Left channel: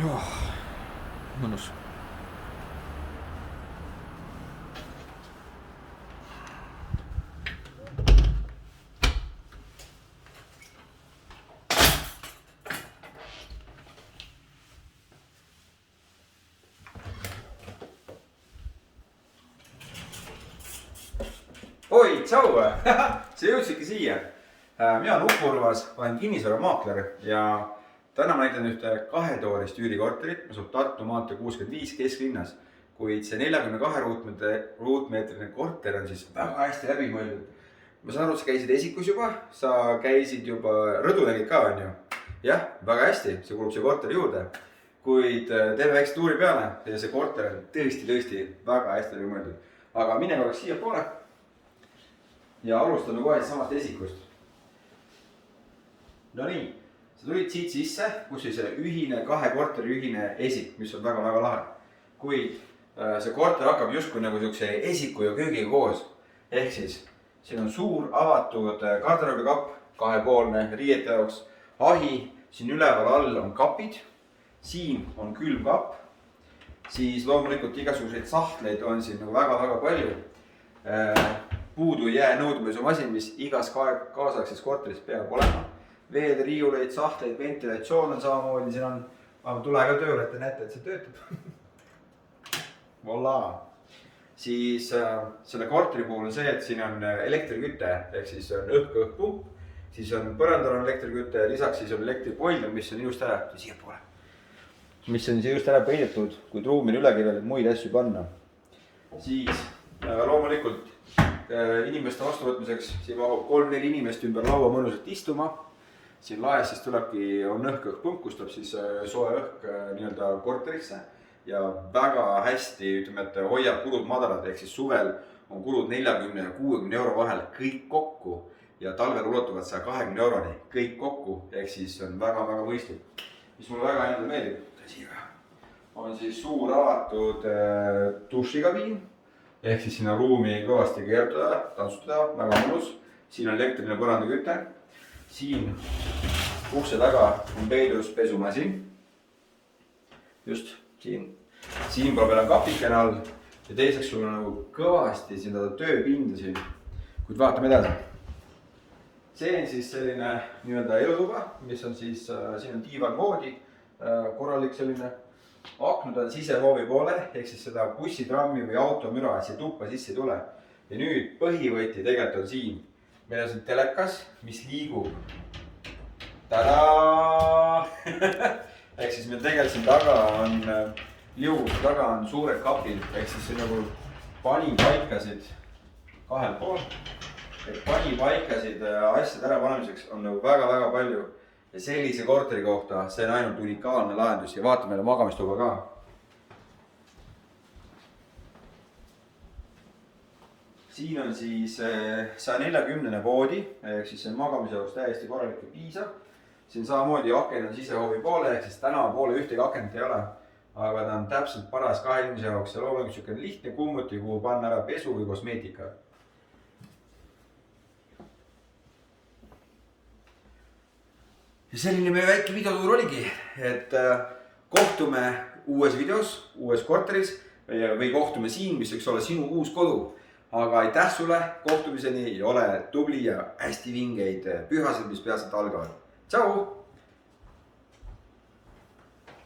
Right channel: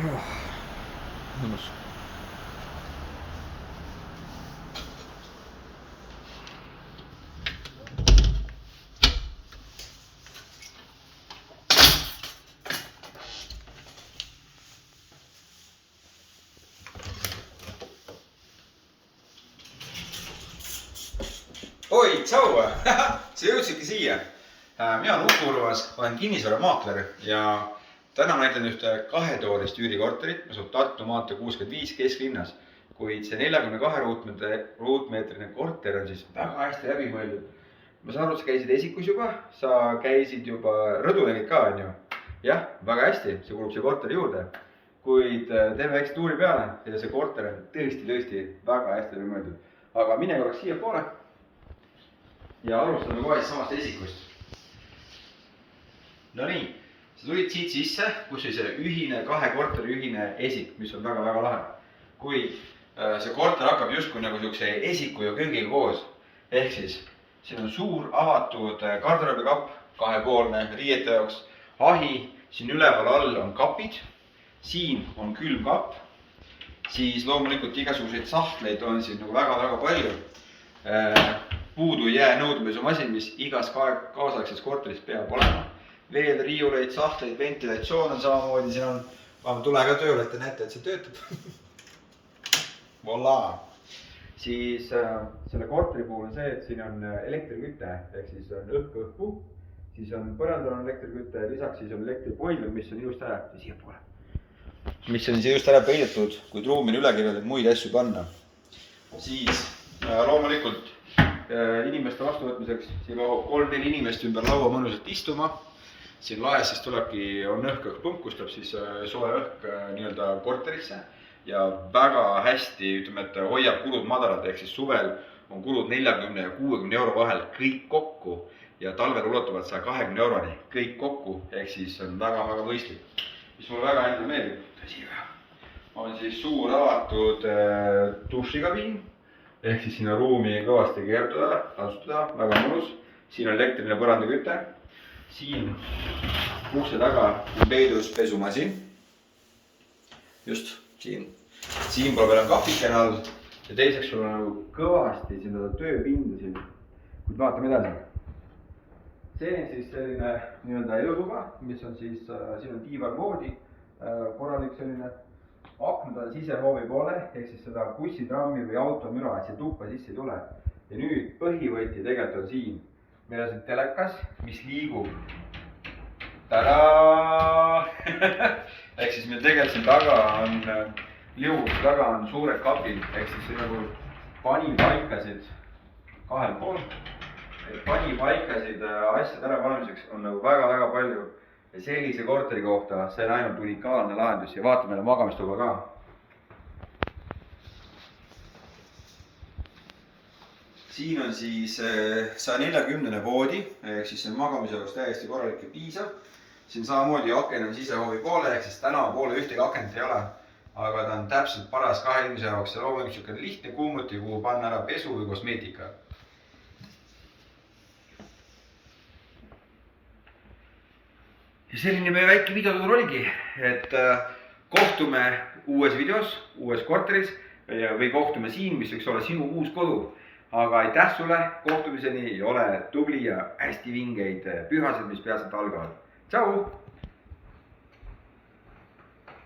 mõnus. Oi, tšau! Sa jõudsidki siia. Mina olen Uku Urvas, olen kinnisvaramaakler ja täna ma näitan ühte kahetoolist üürikorterit, mis asub Tartu maantee 65 kesklinnas. Kuid see 42 ruutmeetrine korter on siis väga hästi läbi mõeldud. Ma saan aru, sa käisid esikus juba, sa käisid juba rõdunegid ka, on ju? Jah, väga hästi, see kulub see korteri juurde. Kuid teeme väikse tuuri peale ja see korter on tõesti väga hästi läbi mõeldud. Aga mine korraks siia poole. Ja alustame kohe samast esikust. No nii, sa tulid siit sisse, kus oli see ühine, kahe korteri ühine esik, mis on väga lahe. Kuid see korter hakkab justkui nagu siukse esiku ja köögiga koos. Ehk siis, siin on suur avatud garderoobikapp, kahepoolne riiete jaoks, ahi, siin üleval all on kapid, siin on külmkapp, siis loomulikult igasuguseid sahtleid on siin nagu väga palju. Puudu jää nõudmesumasin, mis igas kaasaegses korteris peab olema. Veel riiuleid, sahtleid, ventilatsioon on samamoodi, siin on, ma tule ka tööle, et te näete, et see töötab. Voila! Siis selle korteri puhul on see, et siin on elektriküte, ehk siis on õhk-õhk-pump, siis on põrandal on elektriküte, lisaks siis on elektripoiler, mis on just ära, siia poole. Mis on just ära peidetud, kui ruumi on üle kirjad, et muid asju panna. Siis loomulikult inimeste vastuvõtmiseks siin mahub 3-4 inimest ümber laua mõnusalt istuma. Siin laes siis tulebki, on õhk-õhk-pump, kus tuleb siis soe õhk nii-öelda korterisse ja väga hästi, ütleme, et hoiab kulud madalad, ehk siis suvel on kulud 40 ja 60 euro vahel kõik kokku ja talvel ulatuvad 120 euroni kõik kokku, ehk siis on väga mõistlik. Mis mulle väga endale meeldib, tõsiga, on siis suur avatud dušikabiin. Ehk siis sinna ruumi kõvasti keerduda, tantsutada, väga mõnus. Siin on elektriline põrandaküte. Siin ukse taga on peidus pesumasin. Just siin. Siin pool peal on kapikene all. Ja teiseks sul on nagu kõvasti siin tööpinda siin. Kuid vaatame edasi. See on siis selline nii-öelda elutuba, mis on siis, siin on diivan voodi, korralik selline. Aknud on sisehoovi poole, ehk siis seda bussi, trammi või auto müra siia tuppa sisse ei tule. Ja nüüd põhivõti tegelikult on siin. Meil on siin telekas, mis liigub. Tadaa! Ehk siis meil tegelikult siin taga on liuguse taga on suured kapid, ehk siis see nagu panipaikasid kahel pool. Panipaikasid asjade ära panemiseks on nagu väga palju. Ja sellise korteri kohta see on ainult unikaalne lahendus ja vaatame meile magamistuba ka. Siin on siis 140 voodi, ehk siis see magamise jaoks täiesti korralik ja piisav. Siin samamoodi aken on sisehoovi poole, ehk siis tänava poole ühtegi akent ei ole, aga ta on täpselt paras kahe inimese jaoks ja loomulikult niisugune lihtne kuumuti, kuhu panna ära pesu või kosmeetika. Ja selline meie väike videotuur oligi, et kohtume uues videos, uues korteris või kohtume siin, mis võiks olla sinu uus kodu. Aga aitäh sulle, kohtumiseni ja ole tubli ja hästi vingeid pühased, mis peatselt algavad. Tšau!